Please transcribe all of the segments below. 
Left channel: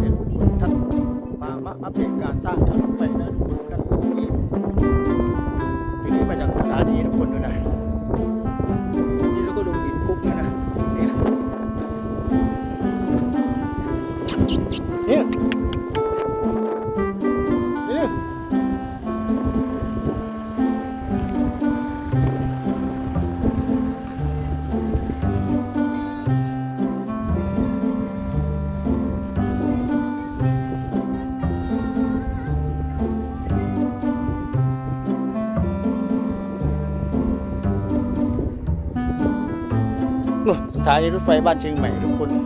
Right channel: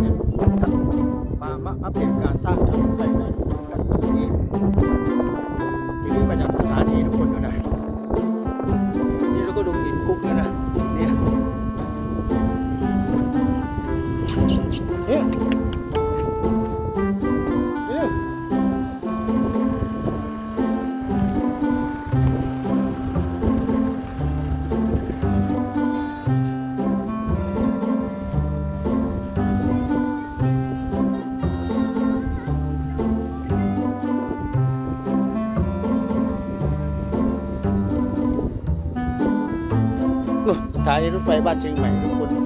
เอ็จท่านมามาอัปเดตการสร้างทางรถไฟนะทุกคนกันตรงนี้ทีนี้มาจากสถานีทุกคนดูนะนี่เราก็ดูหินคุกนะนะ ถานีรถไฟบ้านเชียงใหม่ทุกคนนี่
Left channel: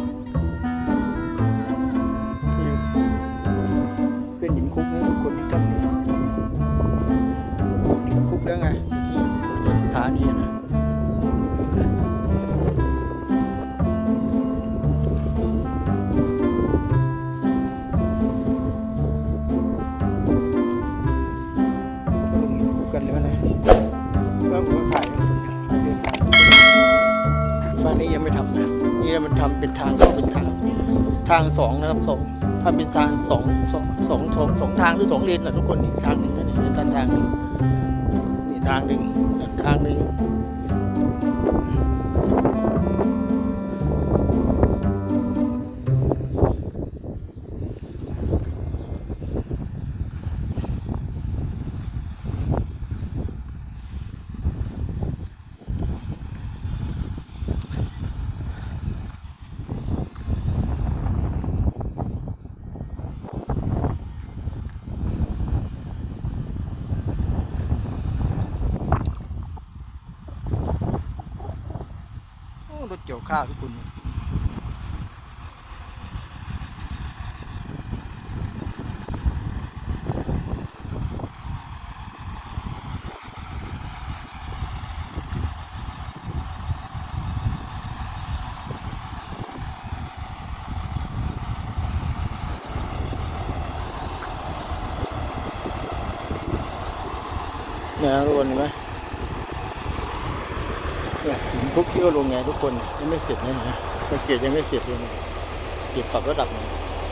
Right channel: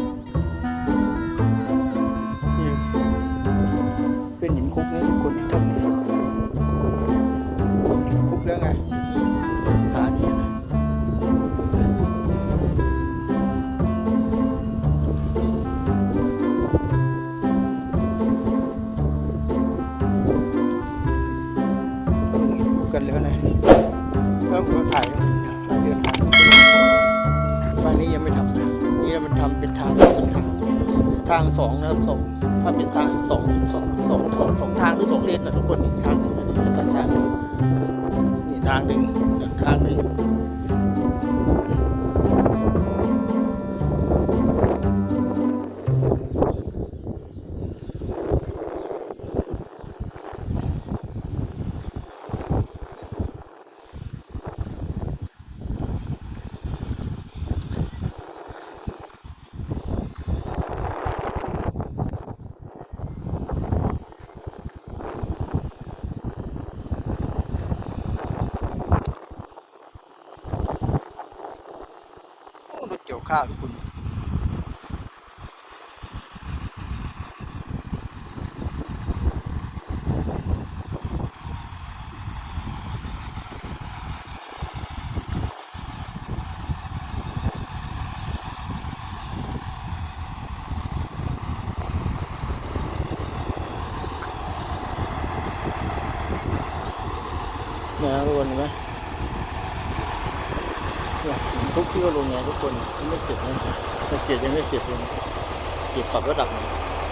เป็นหินคุกนะทุกคนครับหินคุกแล้วไงเป็นสถานีนะหินคุกกันแล้วนะแล้วผมถ่ายถ่ายเดินทาง ฝั่งนี้ยังไม่ทำนี่มันทำเป็นทางเป็นทางทางสองนะครับสองถ้าเป็นทางสองสองสองสองสองทางหรือสองเลนนะทุกคนทางหนึ่งนี่เป็นทางทางหนึ่งนี่ทางหนึ่งทางหนึ่ง ยวข้าวทุกคนเนี่ยทุกคนเห็นไหม เนี่ยหินคุกที่ว่าลงไงทุกคนยังไม่เสร็จนะฮะตะเกียบยังไม่เสร็จเลยเก็บปรับระดับหน่อย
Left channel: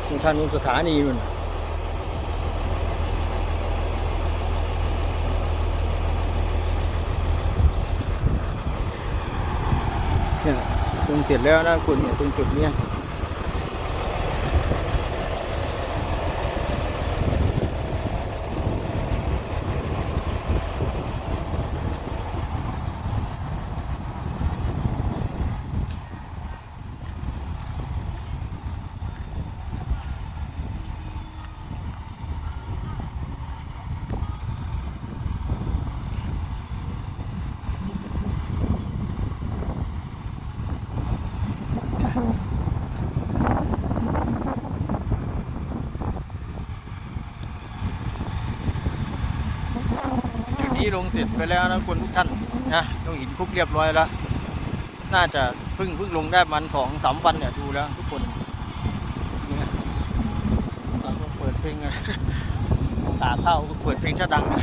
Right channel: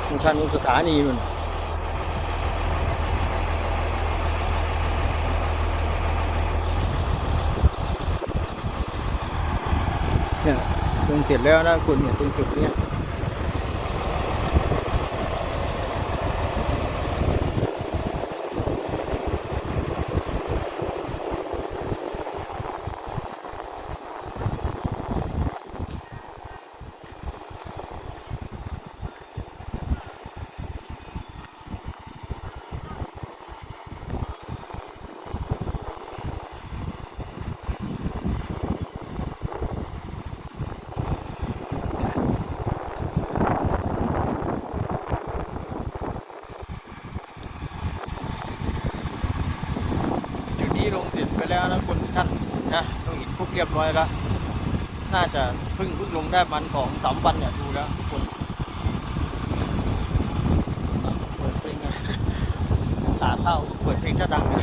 มีทางนู้นสถานีนู่นนะเนี่ยลงเสร็จแล้วนะคุณเนี่ยตรงจุดเนี้ย ลงเสร็จไปแล้วนะคนทุกท่านนะลงหินคุกเรียบร้อยแล้ว น่าจะเพิ่งเพิ่งลงได้มันสองสามวันเนี่ยดูแล้วทุกคนเปิดเพลงนะขาเข้าเปิดเพลงจะดังนะ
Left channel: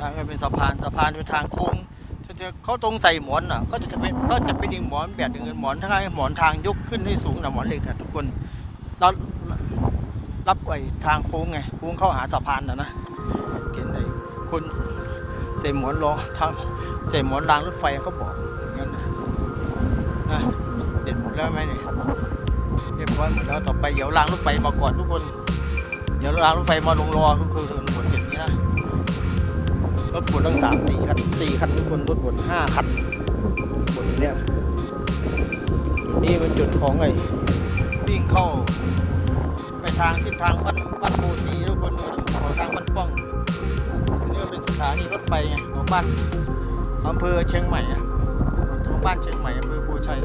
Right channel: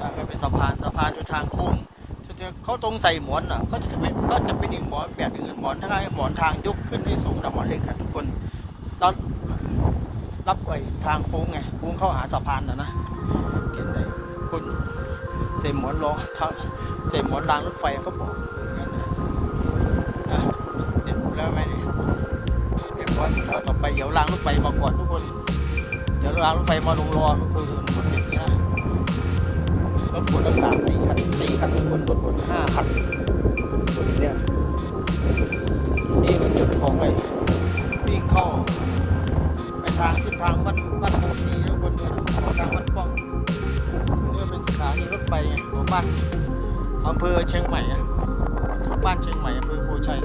ทางมันเป็น สะพานสะพานอยู่ทางโค้งเขาตรงใส่หมอนอะเขาจะเป็นก็จะเป็นอีกหมอนแบบหนึงหมอนทางหมอนทางยกขึ้นที่สูงนะหมอนเหล็กอะทุกคนเรารับไอ้ทางโค้งไงโค้งเข้าหาสะพานนะนะเห็นไหมคนใส่หมอนรอทางใส่หมอนรางรถไฟเขาบอกนั่นนะเสร็จหมดแล้วไหมเนี่ยเรียบร้อยหมดแล้วต่อไปเดี๋ยวรางรถไฟมาก่อนทุกคน เดี๋ยวรางรถไฟมาลงรอทุกคน รถบดตั้งสามสี่คันสี่คันทุกคนรถบดห้าคันบดเนี่ยนี่เป็นจุดของไอ้วิ่งเข้าไปทางเส้นทางวัดวัดโพสีทุกคนดูดิขอทางวัดป้องนี่เป็นสถานีรถไฟไงของบ้านอำเภอเชียงใหม่อะของบ้านเชียงใหม่อำเภอโพชัย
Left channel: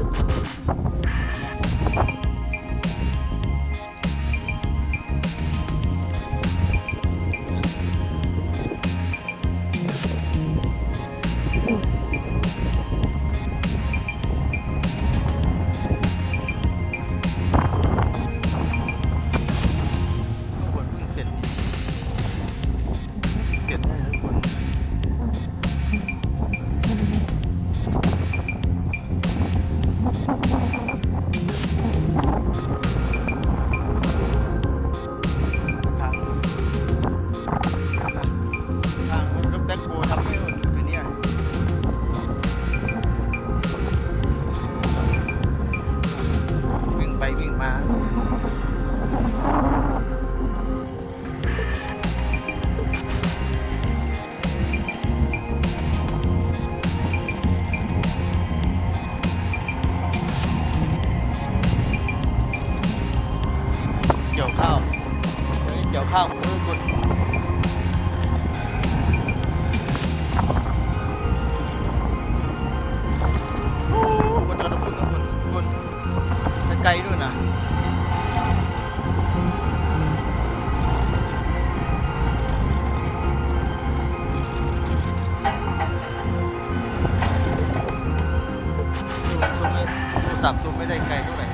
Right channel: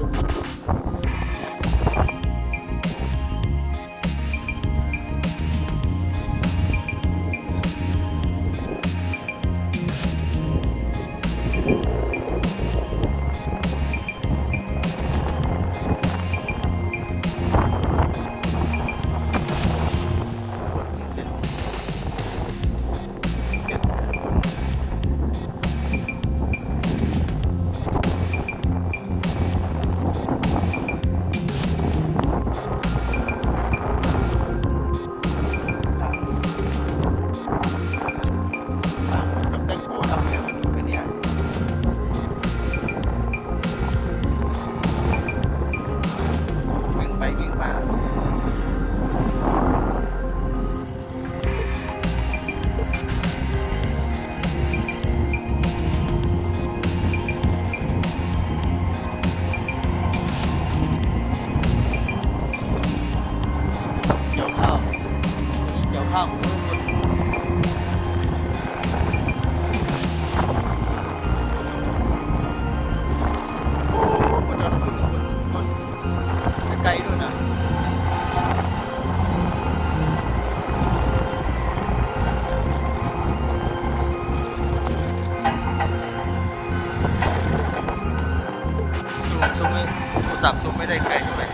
ไม่ได้ไกลเท่าไหร่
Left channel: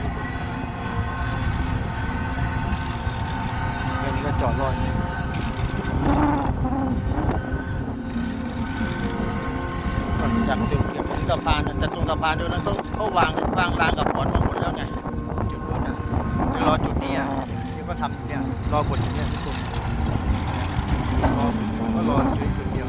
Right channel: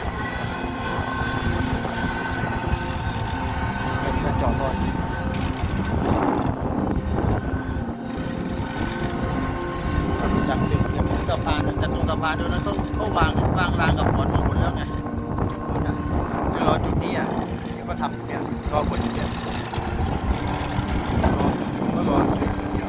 อันนี้ก็จอดรออยู่จากจุดถึงสะพานจากตรงสะพานตรงนั้นเขาเขาวางวางรางกับหมอนมาหมดแล้วไงจุดนู้นน่ะคือรอจุดนี้อะเดี๋ยวก็ทำเนี่ยรอบนเนี่ยทุกคนรอก็รอจุดนี้เดียว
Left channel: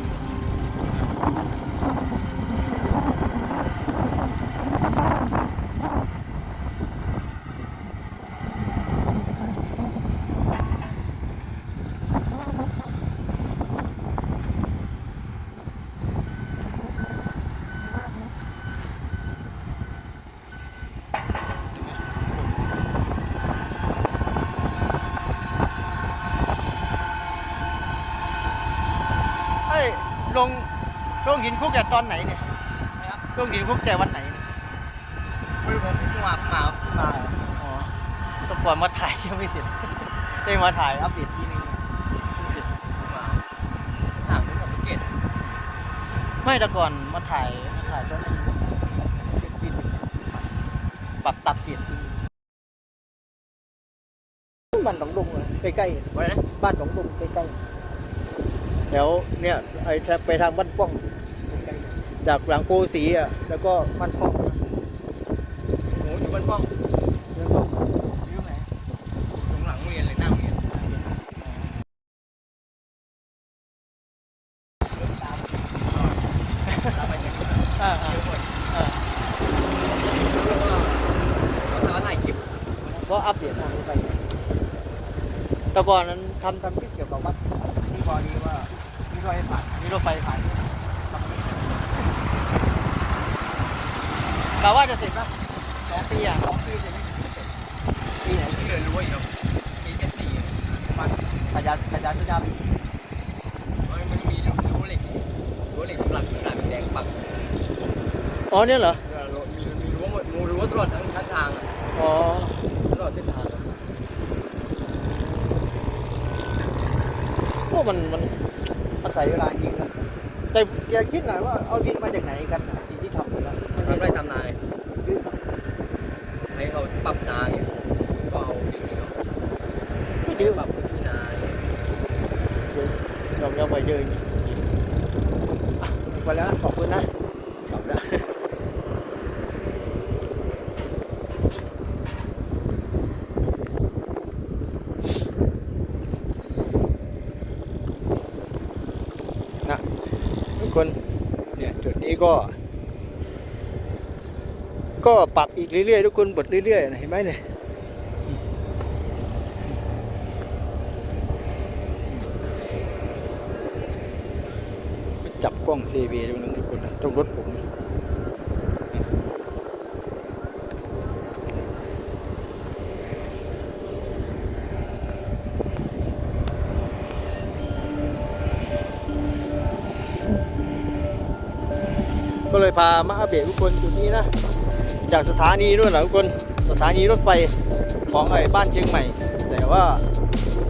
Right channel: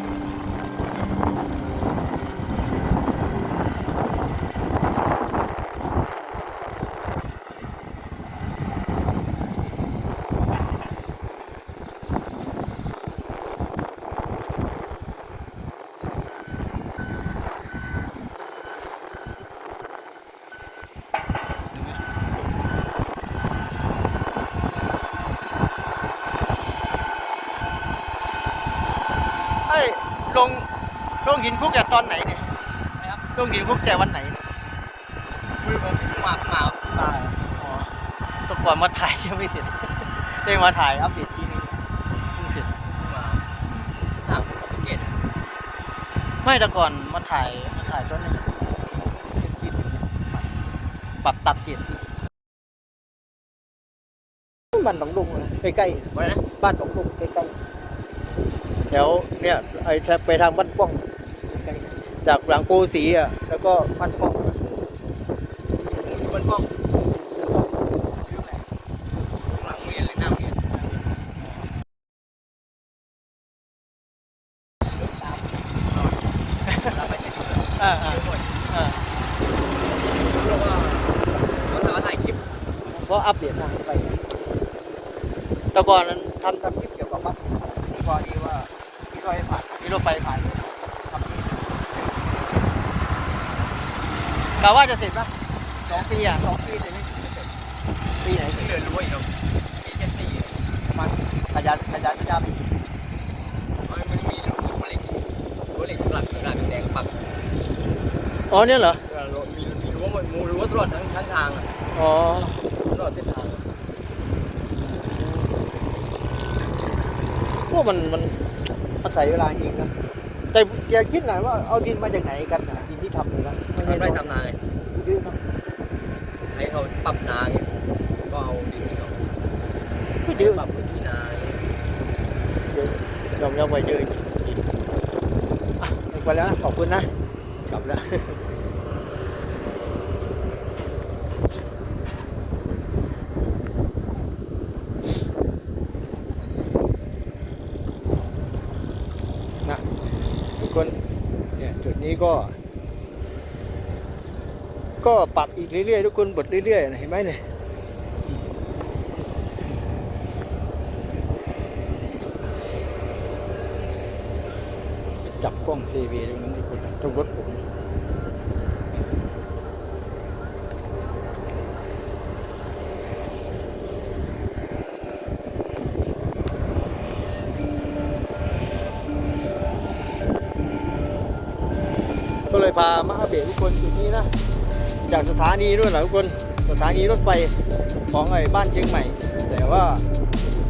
เอ้ยลง ลงหินคุกแต่ตอนไหนเนี่ยลงหินคุกแต่วันไหนเนี่ยที่มันที่มามามาอ๋อแตก่อนมาถ่ายยังไม่เสร็จได้มาถ่ายอัปเดตทีนึงเพิ่เสร็จทำกับเกตไม่แต่ก่อนมาถ่ายมาถ่ายตอนนั้นกินปรับตัดเปลี่ยนบ้านหนองดงใกล้ๆบ้านหนองดงใกล้ๆแถวเนี่ยไอ้แทบไปทางบ้านป้อง จากหลังโกสีอะแล้วก็บ้านป้องอยู่บนกล้องหลังเรียนเลยนั่งเรียนอ่าอ่าอ่าแล้วถ่ายคลิปผมก็อัปเดตทางไปแต่ก่อนนั้นทำทำคลิปเกี่ยวกับวัดที่พอดีว่าที่รถไฟผ่านที่รถไฟผ่านทำนี่ แต่ว่าจะเสร็จแล้วสองปีอะสองปีจะไม่เสร็จปีไหนที่เรียนรู้อยู่ปีเจ็ดสี่มาขยันขยันที่ทำมันไม่มีรั้วเหล็กรั้วเหล็กสำหรับขนาดมันแดงปรับอ๋อเนี่ยเหรอมีรั้วหมดรั้วตลอดทั้งทั้งทางอ๋อตลอดเส้นทางพวกมันมันอาศัยเวลาจริงนะแต่อย่าคิดหน่อยว่าเอาดินมาจากไหนกันน่ะ ไร่ทำนาไงให้เขาปรับนาไงก็เอาดินไม่ดื้อปรับพื้นที่นายอมรับไปเยอะจริงๆอะไปแล้วนะขอบคุณนะกลับแล้วนะทุกคนเนี่ยจุดนี้ก็ ก็ปรับอีกเรื่อยๆทุกคนบดเรื่อยๆนะเห็นไหมเนี่ยจับกล้อง CV ตรงนั้นทุกคนต้องรถผมก็เลยพามาอัปเดตทุกคนจุดนี้นะ จากสถานีด้วยเหรอทุกคนสถานีรถไฟของไอ้บ้านเชียงใหม่ แต่ว่า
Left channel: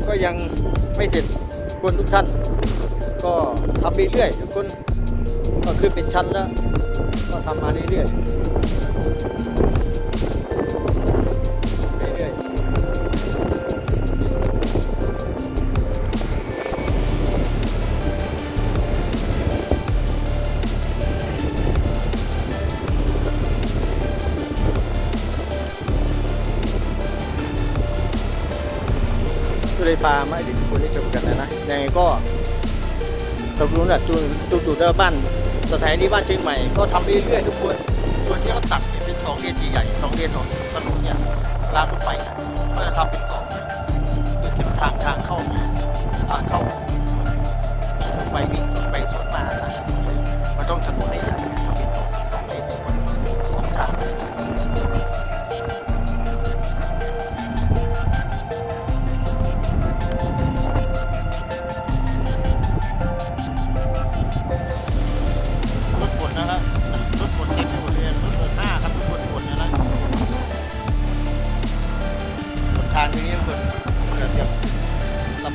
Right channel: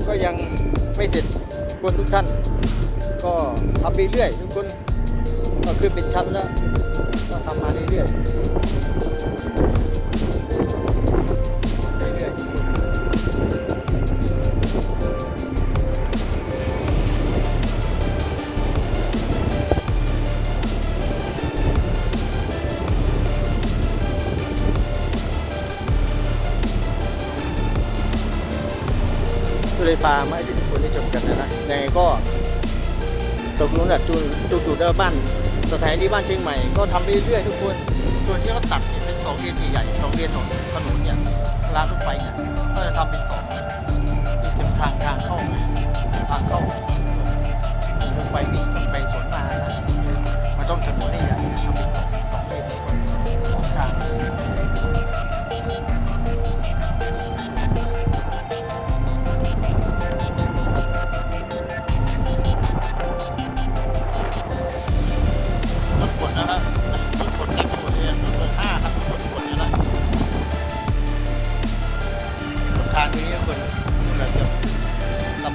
ก็ยังไม่เสร็จทุกคนทุกท่าน ก็ทำเรื่อยๆทุกคนก็ขึ้นเป็นชั้นแล้ว ก็ทำมาเรื่อยๆ ก็เลยพามาให้ทุกคนได้ชมกันนะนะยังไงก็ตกลงน่ะจุดจุดจุดแล้วบ้านสถานีบ้านเชียงใหม่ก็ทำไปเรื่อยๆทุกคนส่วที่เขาตัดเป็นสองเลนใหญ่สองเลนของถนนเนี่ยรางรถไฟเนี่ยก็จะทำเป็นสองเส้นทางทางเข้าทางเข้าไฟวิ่งสวนไปสวนมานะมันต้องถนนให้ใหญ่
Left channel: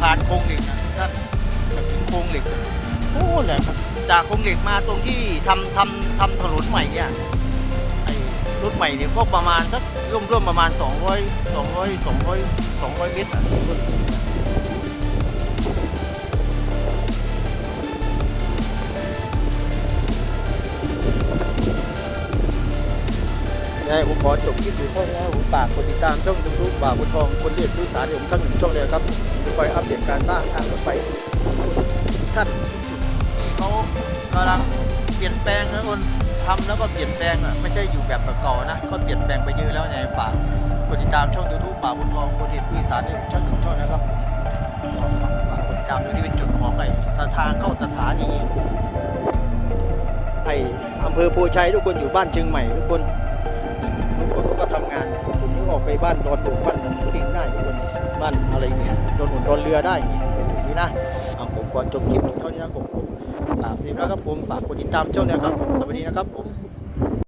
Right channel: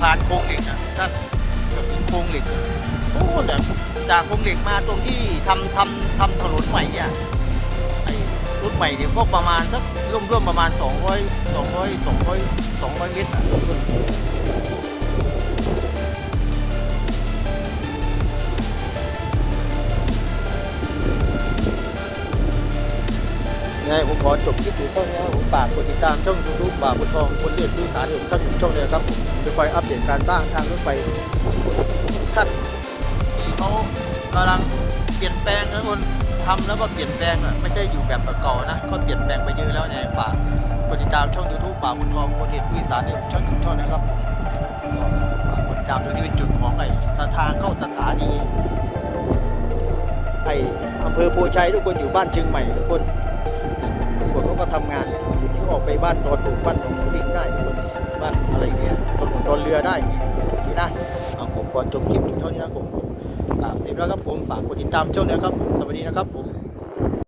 ผ่านโครงเหล็กนะท่านกับถึงโครงเหล็กโอ้เนี่ยจากโครงเหล็กมาตรงที่ทำทำทำถนนใหม่เนี่ยไอ้รถใหม่เนี่ยพวกประมาณสักร่วมๆประมาณ 200 200 200 200เมตรอะ นยังไงผมขอจบคลิปอยู่เท่านี้นะครับผมฝากกดติดตามช่องยูทูบบ่าวบุญทองคนเรียกผู้สารของช่องหนึ่งช่องเดียวครับผมจะคอยอัปเดตการสร้างทางรถไฟท่านที่เขากำลังเปลี่ยนแปลงนะคนทำแล้วก็เปลี่ยนแปลงอะไม่ใช่อยู่แบบเก่านะก็เปลี่ยนแปลงไปเยอะแล้วไงฝากกดติดตามช่องยูทูบบ่าวบุญทองคนเรียกผู้สารของช่องหนึ่งช่องนะครับก็ฝากกดติดตามตรงนี้เป็นจุดของไอ้สถานเข้าสถานีไอ้อำเภอโพชัยทุกคนอยู่บ้านเชียงใหม่ทุกคน ทำก็ทำงานจุดนี้ออกไปบ้านดอนดุบ้านหนองลิงได้คนบ้านอะไรเงี้ยดอนหุ่นดอนเรือได้อย่างงี้จุดนี้นะเอาผมก่อนจบคลิปถึงเท่านี้นะผมผมกราบสิบแล้วครับผมฝากกดติดตามช่องนี้ครับผมสวัสดีนะครับผม